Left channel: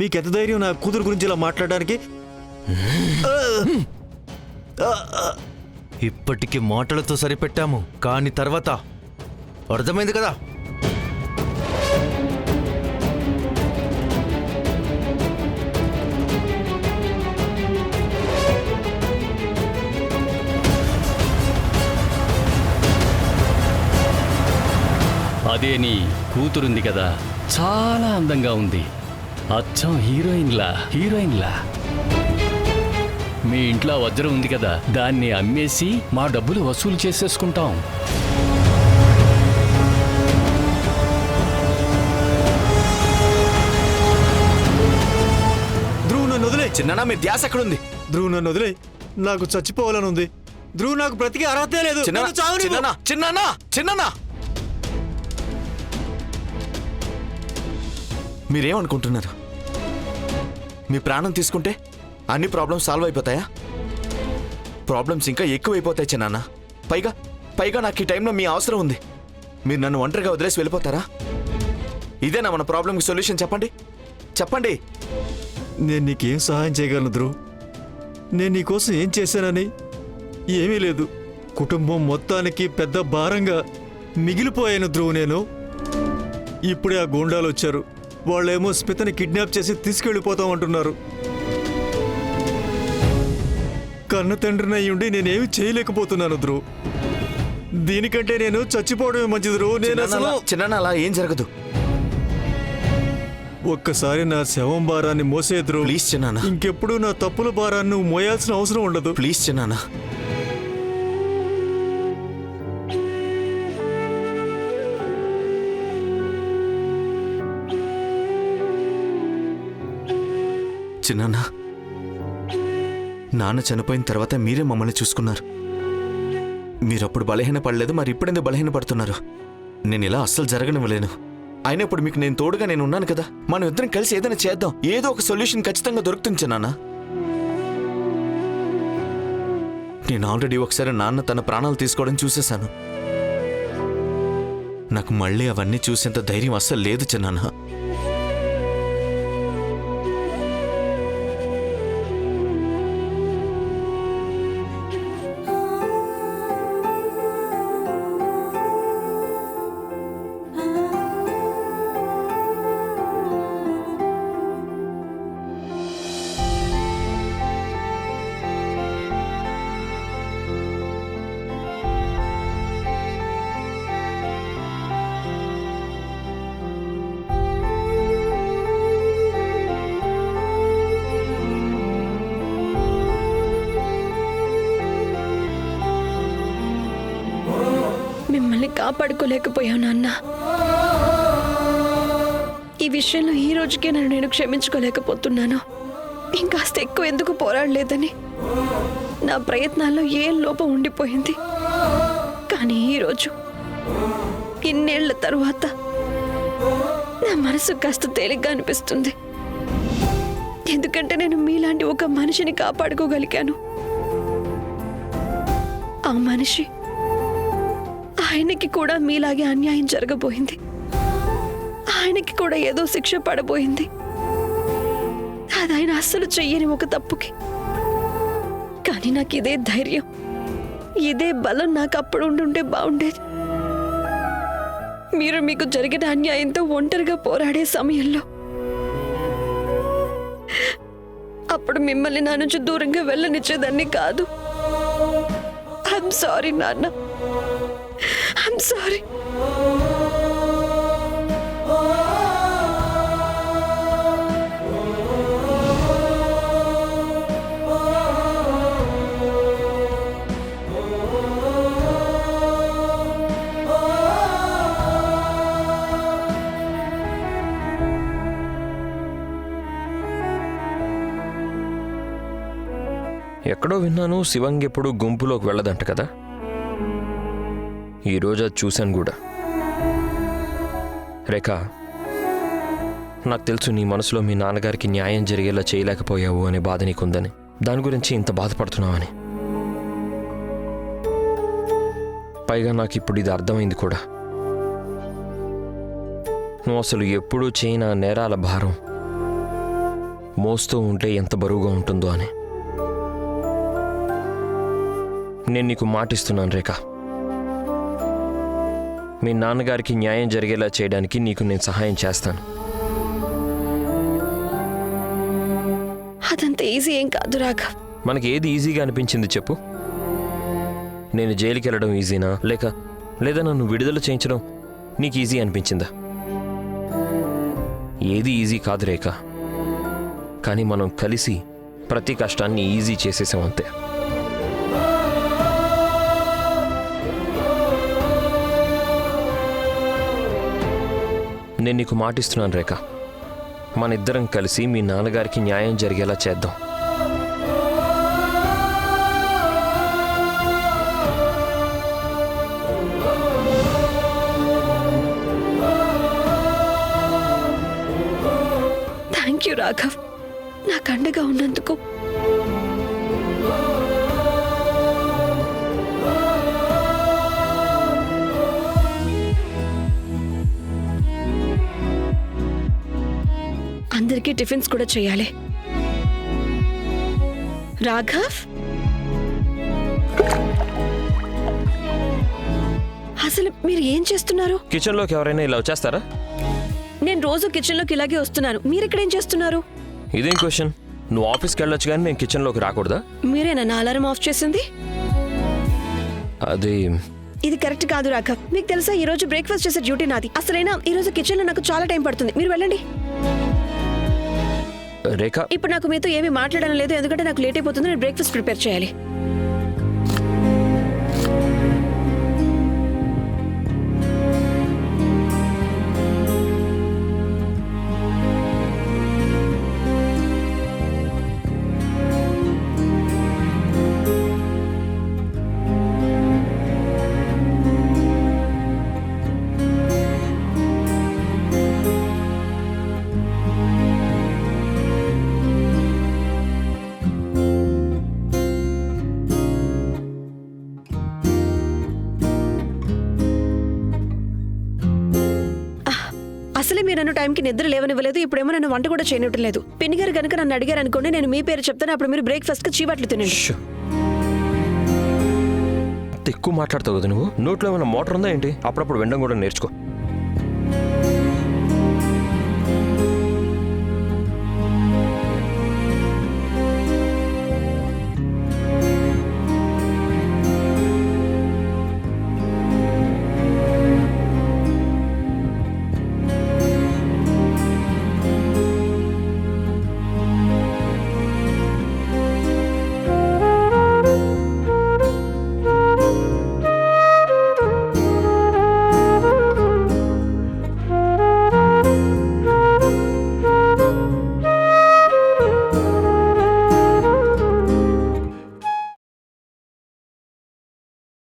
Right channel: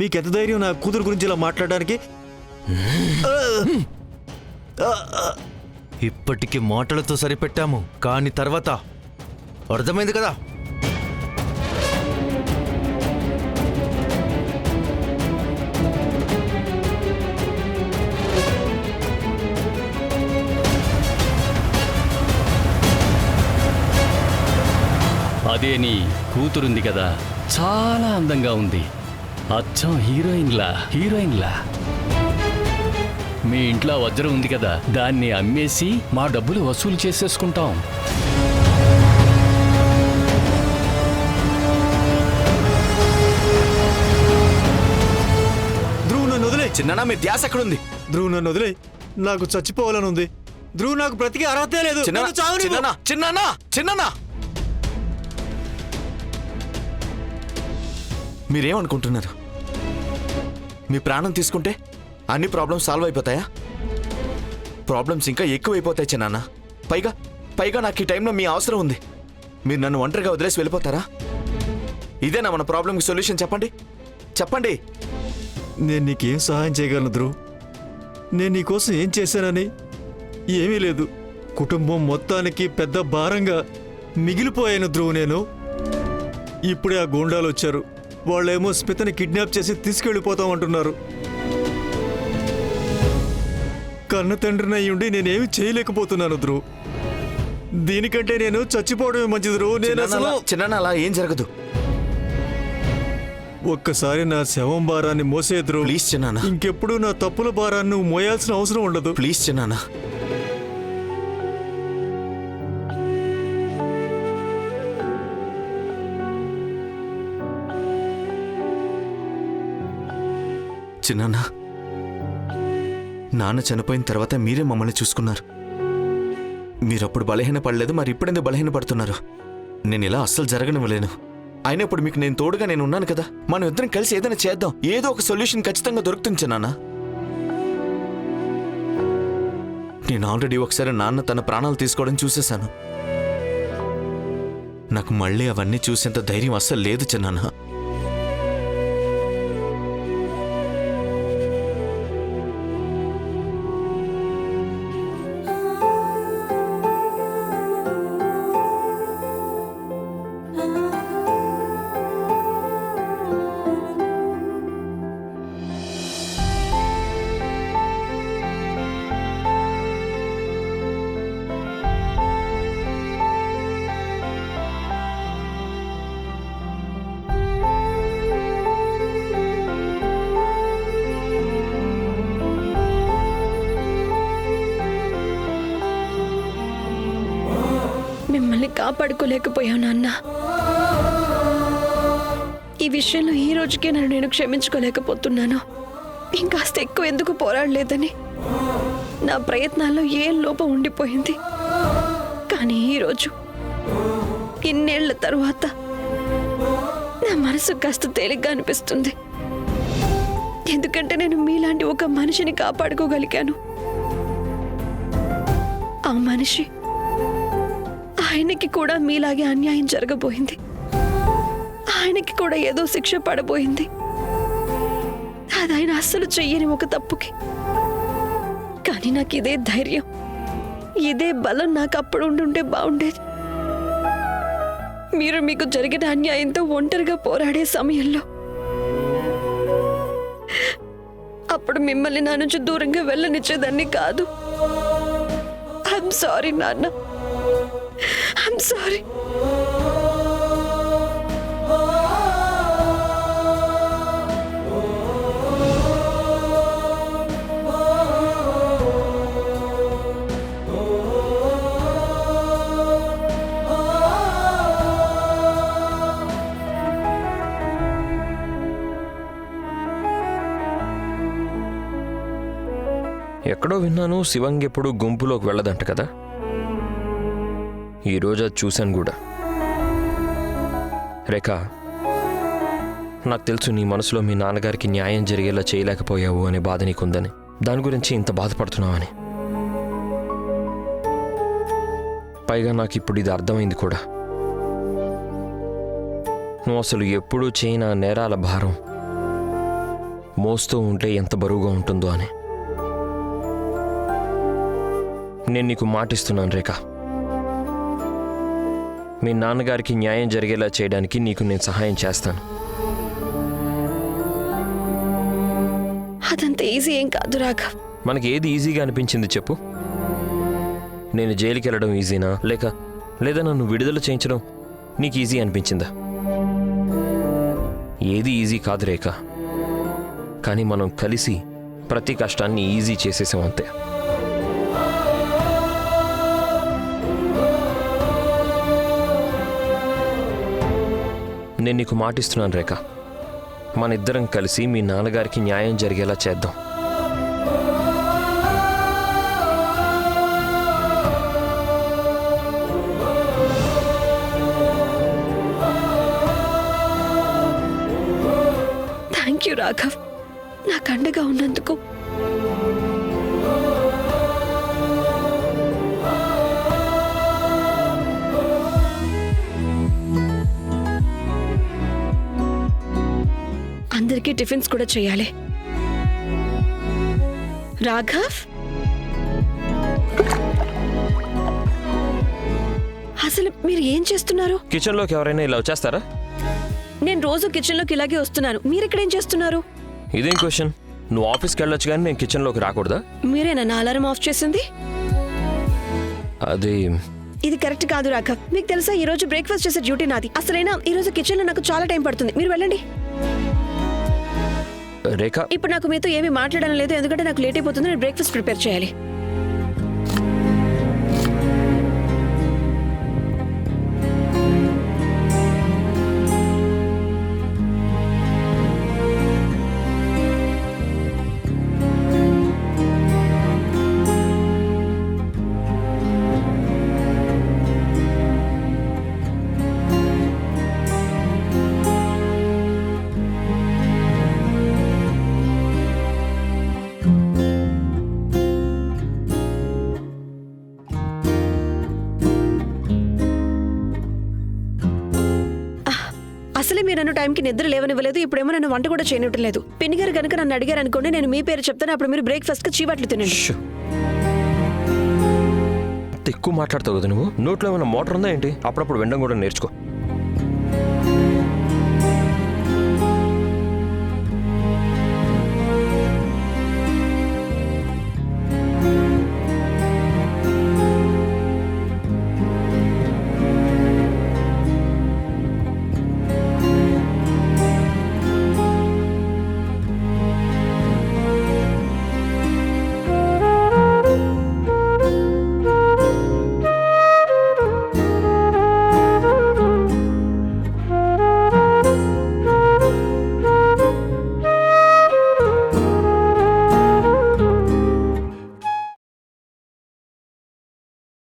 మీకెంత ధైర్యం నా కూతురు గురించి ఇలా మాట్లాడడానికి? ఇప్పటికి మాటలతో సరిపెట్టాము, కానీ తర్వాత అర్థమైంది కదా. అదే నీ కూతురుంది కదా, చాలా అందంగా ఉంది, అచ్చం హీరోయిన్లా. మీ ఇంట్లో వజ్రం ఉంది కదా, దాన్ని అమ్మేసి మా డబ్బులు వసూలు చేసేసుకుంటాం. ధ్రువ్ నన్ను వదిలే. చిన్న మీ ధ్యాస ఎక్కడుంది? ధ్రువ్ నన్ను వదిలే, నాకు చచ్చిపోవాలని ఉంది. ధ్రువ్ నాకు బ్రతికే అర్హతే లేదు. చిన్న మీరేమనుకుంటున్నారు? మీ ప్రాణం తీసుకుంటే అన్ని ప్రాబ్లమ్స్ సాల్వ్ అయిపోతాయా? ప్రాబ్లమ్స్ ఇంకా ఎక్కువైపోతాయి చిన్నాన్న. పైగా నాకు ఈ టైంలో మీ అవసరం ఉంది. మీరు నన్ను ఒంటరిగా వదిలేసి వెళ్ళిపోతారా? ఇదేనా మన ప్రాబ్లంకి సొల్యూషన్? చెప్పండి. నేను నీకేం సహాయం చేయగలను ధ్రువ్? నేను నీకోసం ఏం చేశానని? ఏమీ లేదు. కుటుంబం మొత్తానికి పెద్ద భారంగా మిగిలిపోయాను ధ్రువ్ నేను. ఇప్పుడే ఆ గూండాలు వచ్చారు. వాళ్ళేమో స్మితని కిడ్నాప్ చేసి తీసుకెళ్ళిపోతామంటున్నారు. కన్న తండ్రిని అయ్యుండి నేనేమి చేయలేకపోతున్నాను ధ్రువ్. దీనికంటే నేను చచ్చిపోవడమే మంచిది ధ్రువ్. నేను అసలు చిన్న అలా ఏం జరగదు. ఒక్కసారి నా శవం భారాన్ని మోసే ధ్రువ్. ప్లీజ్ చిన్నాన్న. ఇంకెప్పుడు నా తప్పుల భారాన్ని నువ్వు మోయాల్సిన అవసరం ఉండదు. ప్లీజ్ చిన్నాన్న. చిన్నాన్న, నాన్న చనిపోయిన తర్వాత మీరే మమ్మల్ని చూసుకున్నారు. మీరప్పుడు బలహీన పడలేదు, మరి ఇప్పుడెందుకు బలహీన పడుతున్నారు? నేను ఇలా అస్సలు జరగనివ్వలేను. అయినప్పుడు మీకు నేను తోడుగా నేను ఉన్నాను కదా. మనం ఇద్దరం కలిసి ఏదైనా చేద్దాం. ఏదో ఒక సొల్యూషన్ ఖచ్చితంగా దొరుకుతుంది చిన్నాన్న. నేను ఆల్రెడీ ఒకసారి నాన్న తన ప్రాణాలు తీసుకోవడం చూసేశాను. నాకు మళ్ళీ అవన్నీ చూసేంత ధైర్యం అస్సలు లేదు చిన్నాన్న. మిమ్మల్ని కాపాడుకోలేకపోయావు నాన్న. ఈ విషయంలో ఈ రోజుకే నన్ను నేను క్షమించుకోలేకపోతున్నాను. ఇంకాస్త ఎక్కువ ఎందుకు పోరాడలేదని నా ప్రయత్నాల్లో ఏం లోపం ఉండిపోయింది. కానీ ఈరోజు ఇన్నేళ్ల తరువాత నా మనసు కాస్త తేలిగ్గా అనిపిస్తుంది. ఎందుకంటే నేను మీలాంటి ఒక మనిషిని కాపాడుకోగలిగాను. ఆ మనిషి ఆయనకి కూడా మీలాగే అన్యాయం జరగబోయింది. ఆయనకి కూడా ఏదో శిక్ష పడబోయింది. అది ఆయన అస్సలు చెయ్యని ఒక తప్పుకి. కానీ నాకు ఇదే ధైర్యం, ఇదే బలం నాకు అప్పుడు ఉండుంటే బాగుండేది. మీరు మీకు జరిగిన అన్యాయంతో ఒంటరిగా పోరాడే సమయంలో అప్పుడు మిమ్మల్ని నా నుంచి దూరంగా వెళ్ళనిచ్చేదాన్ని కాదు. ఐఎమ్ సారీ నాన్న. I'm sorry. ఎక్కడో విన్నాను శివంగి ఎప్పుడు గుంపులోకి వెళ్ళదంట కదా. ఈరోజు అది చూశాను కూడా. రేఖ, నాకు తెలుసు నీ మనసులో మీ నాన్నగారికి న్యాయం జరిగేలా చేయలేకపోయావు అనే బాధ నీకుందని. దాని గురించి ఇంత బాధపడుతున్నావని. పైగా నాకు ఇప్పుడు ఇది అర్థమైంది కూడా. నువ్వు అసలు ఎప్పుడూ చేయని నేరాల భారం మోస్తూ ఉంటే ఎంత బరువుగా ఉంటుందో అని. నేను నీకు మాటిస్తున్నాను రేఖ, మీ నాన్నగారికి న్యాయం జరిగేలా చేయడానికి నీకు నేను సహాయం చేస్తాను. అదంత ఈజీ ఏం కాదు రాఘవ్. మనకి ఏది ఈజీగా అనిపించింది చెప్పు? నేను జైలుకి వెళ్ళడం ఈజీనా, లేదా నన్ను విడుదల చేయించడం నీకు ఈజీ అనిపించిందా? ఏది ఈజీ కాదు రేఖ, కానీ మనం కలిసి ప్రతి కష్టాన్ని ఈజీ చేసేసాం అంతే. నేను నీకు మాటిస్తున్నాను రేఖ, మన ఇద్దరం కలిసి మీ నాన్నగారికి న్యాయం జరిగేలా చేద్దాం. థ్యాంక్ యూ రాఘవ్, నాకు అండగా ఉన్నందుకు. అందరికీ టిఫిన్స్ కూడా చేయాలి. రాఘవ్, అసలు మీరు ఏం చేస్తున్నారు? కిచెన్లోకి ఎవరైనా ఇలా వచ్చేస్తారా? నేను రోజు కిచెన్లోకి ఇలాగే వస్తున్నాను, మీరు ఇక్కడ ఏం చేస్తున్నారు? ఇదేం క్వశ్చన్? నువ్వు ఆఫీస్కి వెళ్ళొచ్చు కానీ నేను కిచెన్లోకి రాకూడదా? మీరేనా నా అలారం ఆఫ్ చేసింది? అది ఇది కరెక్ట్ కాదు రాఘవ్. మీకు తెలుసా, ఈ రోజు బ్రేక్ఫాస్ట్ చేసే డ్యూటీ నాది. అసలైనా ఈ రోజు కిచెన్ లో నాకు చాలా టైం పడుతుంది. మీరు వెళ్ళండి. రేఖ, ఇప్పుడు నాకు మీతో ఏమీ మాట్లాడడం లేదు, ఎందుకంటే నాకు లేట్ అయిపోతుంది. నేను బ్రేక్ఫాస్ట్ ప్రిపేర్ చేయాలి. అసలే మీరు నన్ను టైంకి నిద్ర లేవనివ్వలేదు, ఇప్పుడేమో నన్ను వంట కూడా చేయనివ్వటం లేదు. పిన్ని గారు కనుక నన్ను అడిగారు అనుకోండి, నేను మీ పేరు చెప్తాను, అప్పుడు మీరు బ్రేక్ఫాస్ట్ కి చీవాట్లు తినండి. ఎక్కువ మాట్లాడతావు కదా నువ్వు. నోట్లో ఏమైనా మోటార్ ఉందా ఏంటి? అప్పుడప్పుడు వినడం కూడా నేర్చుకో.